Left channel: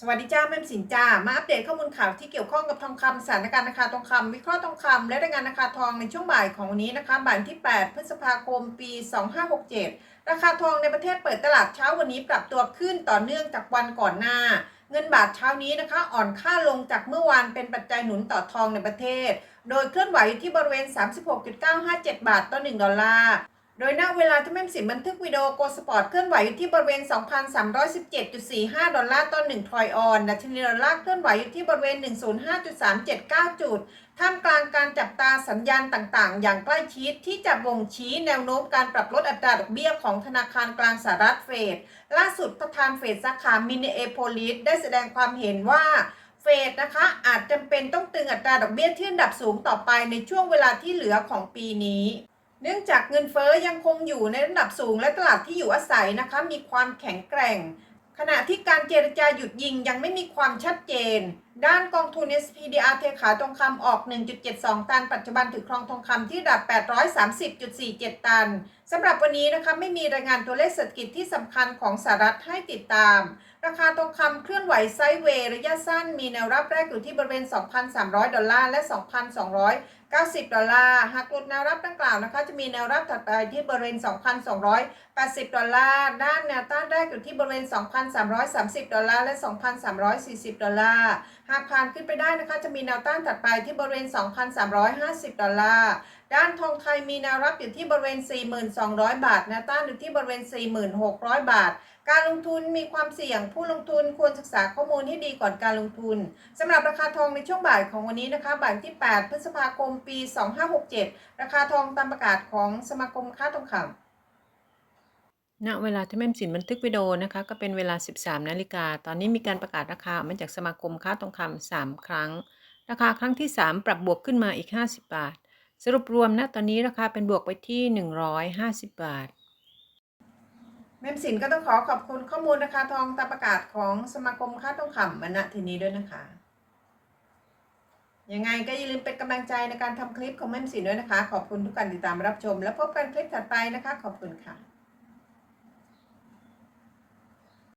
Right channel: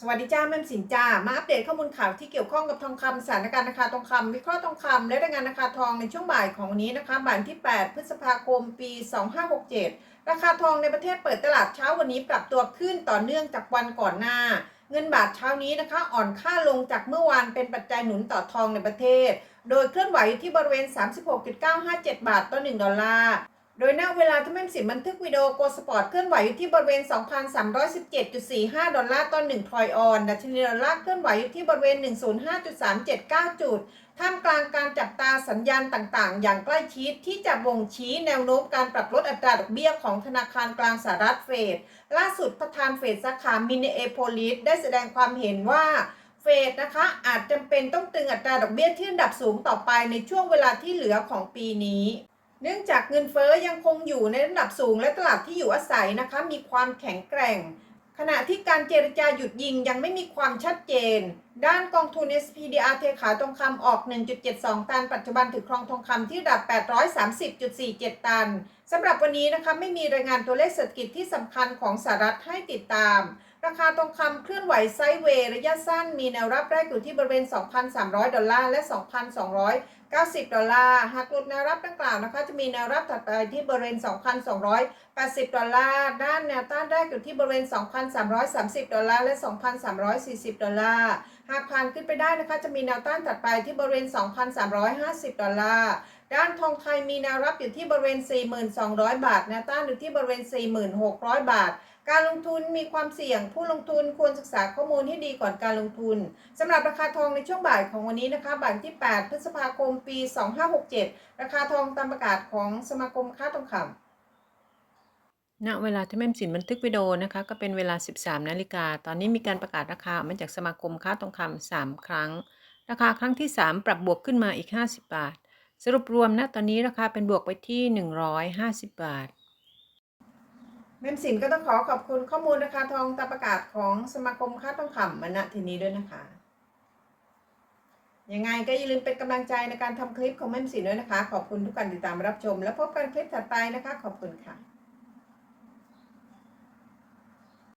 สวัสดีจ้าแม่สินจ้ามาอัปเดตข้อมูลข่าวที่เกี่ยวข้องกับทองคำสถานการณ์ราคาทองคำวิเคราะห์ทองคำและรายงานราคาทองในช่วงบ่ายของวันนี้นะคะบ่ายที่ 8 พฤษภาคม ปี 2567 ราคาทองในประเทศเปิดตลาดเช้าวันนี้ปรับตัวขึ้นต่อเนื่องจากวันก่อนหน้า เงินบาทเช้านี้นะคะ อ่อนค่าลงจากเมื่อวานเป็นปัจจัยหนุนต่อทองในประเทศ โดยเคลื่อนไหวอยู่ที่บริเวณ 36.957 บาทต่อ 1 ดอลลาร์ โดยณเวลาที่แม่มสินบันทึกวิดีโอโกลสปอร์ตเคลื่อนไหวอยู่ที่บริเวณ 2,317.45 ดอลลาร์ต่อ1ทรอยออนดัชนีดอลลาร์เคลื่อนไหวอยู่ที่บริเวณ 105.379 จุด ท่ามกลางการจับตาสัญญาณต่างๆ อย่างใกล้ชิดที่จะบ่งชี้แนวโน้มการปรับลดอัตราดอกเบี้ยของธนาคารกลางสหรัฐเฟด ล่าสุดประธานเฟดสาขามินเอโพลิสได้แสดงความเห็นว่าเฟดนะคะอาจจำเป็นต้องตึงอัตราดอกเบี้ยที่ระดับสูงต่อไปในช่วงเวลาที่เหลือของปีนี้ เนื่องจากเงินเฟ้อยังคงอยู่ในระดับสูงและตลาดที่อยู่อาศัยนะคะมีความแข็งแกร่ง ขณะที่การเจรจาหยุดยิงยังไม่มีความชัดเจน ด้านกองทุน SPDR เทขายทองคำออก 1.72 ตัน ปัจจุบันถือครองทองคำที่ระดับ 830.47 ตันสำหรับวันนี้นะคะไม่มีรายงานตัวเลขเศรษฐกิจที่สำคัญของสหรัฐให้ติดตาม คาทองคำเคลื่อนไหวไซด์เวย์ระยะสั้น มีแนวรับแรกอยู่ที่บริเวณ 2,300 ดอลลาร์ และ 2,290 ดอลลาร์ หากหลุดแนวรับดังกล่าวนะคะจะมีแนวรับถัดไปที่บริเวณ 2,280 ดอลลาร์ ด้านแนวต้านแรกอยู่ที่บริเวณ 2,330 ดอลลาร์ และ 2,340 ดอลลาร์ หากผ่านขึ้นไปได้นะคะจะมีแนวต้านถัดไปที่บริเวณ 2,350 ดอลลาร์ด้านทองไทยมีแนวรับอยู่ที่บริเวณ 4,200บาท แนวต้านอยู่ที่บริเวณ 4,600 บาท การลงทุนมีความเสี่ยงผู้ลงทุนควรศึกษาข้อมูลให้ดีก่อนการลงทุนสำหรับราคาทองในช่วงบ่ายของวันนี้นะคะบ่ายที่ 8 พฤษภาคม ปี 2567 ราคาทองตามประกาศของสมาคมค้าทองคำณเวลาที่แม่มสินบันทึกวิดีโอนะคะก็เป็นเวลา 13 นาฬิกา ตอนนี้มีการประกาศราคาออกมาจากสมาคมค้าทองคำ3ครั้ง ราคาครั้งที่ 3 ปรับบวกขึ้นมาอีก 50 บาท สรุปรวมณตอนนี้ราคาเป็นบวกไปที่ 150 บาท แม่มสินก็ต้องขอขอบคุณข้อมูลราคาทองตามประกาศของสมาคมค้าทองคำมาณที่นี้ด้วยนะคะ ยังไงก็อย่าลืมเป็นกำลังใจในการทำคลิปของแม่มสินด้วยนะคะ ขอบคุณทุกการติดตามรับชม และพบกันคลิปถัดไปนะคะ ขอบคุณค่ะ